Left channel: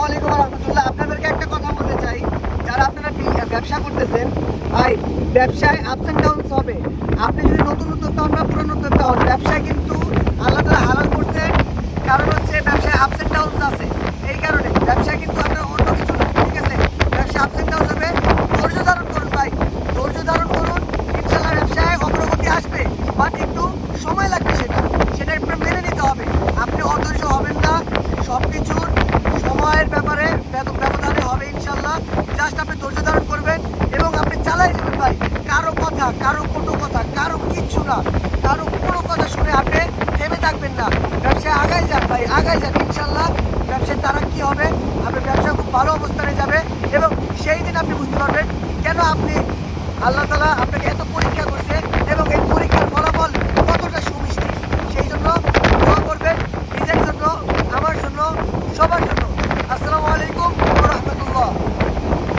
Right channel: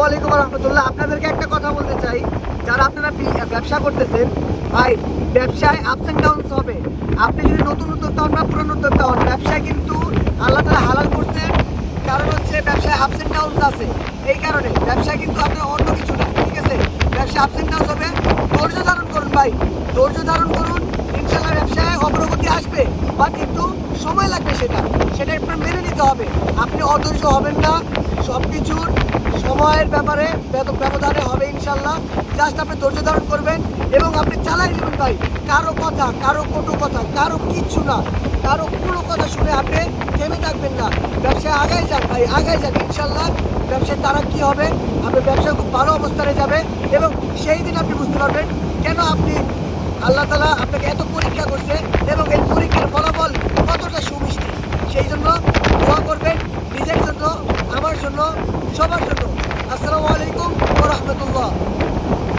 আসসালামু আলাইকুম রহমতুল্লাহ। আপনাদেরকে একটা কথা বলতে চাই, যারা আপনারা ব্যবসা করতেছেন, ভাই ব্যবসায় আপস অ্যান্ড ডাউনস হবে। আপনি যদি নতুন উদ্যোক্তা হন বা পুরনো উদ্যোক্তা হন, ব্যবসায় কিন্তু আল্লাহ তাআলা হালাল করছেন, কারণ হচ্ছে ব্যবসায় আপস অ্যান্ড ডাউনস আছে। এই কারণে ব্যবসা কিন্তু আপনার অন্য কিছু না, ঠিক আছে? ব্যবসায় আপস অ্যান্ড ডাউনস হবে। ধৈর্য ধারণ করুন ভাই, ধৈর্য ধারণ করুন। ইনশাল্লাহ ব্যবসায় অগ্রগতি আসবে, বাট একটু সময় লাগবে, সেটা একটু মেনে নিতে হবে। আপনি অধৈর্য হবেন না, সব কিছুর সময়ের ব্যাপারে ব্যবধানে হবে ইনশাল্লাহ। জাস্ট আপনি ধৈর্য ধারণ করবেন এবং আপনি চালাই যাবেন ভাই। কারো কথা, কারো কটু কথা, কারো কিচ্ছু না, কারো কোনো কথা শুনে আপনি থেমে থাকবেন না। ব্যবসায় আগাই যান ভাই, আগাই যান। ইনশাল্লাহ ব্যবসায় তারা কি হবে, আপনার ব্যবসা খুব ভালো অবস্থানে যাবে এবং সেই দিন আপনি বুঝতে পারবেন কেন আপনি আল্লাহ তাআলা আপনাকে এত পরীক্ষা করছে এবং এই পরীক্ষার ফলাফল কতটা সুমিষ্টি। সেই জন্য দোয়া করবেন নিজের জন্য, আমার জন্য, সবার জন্য।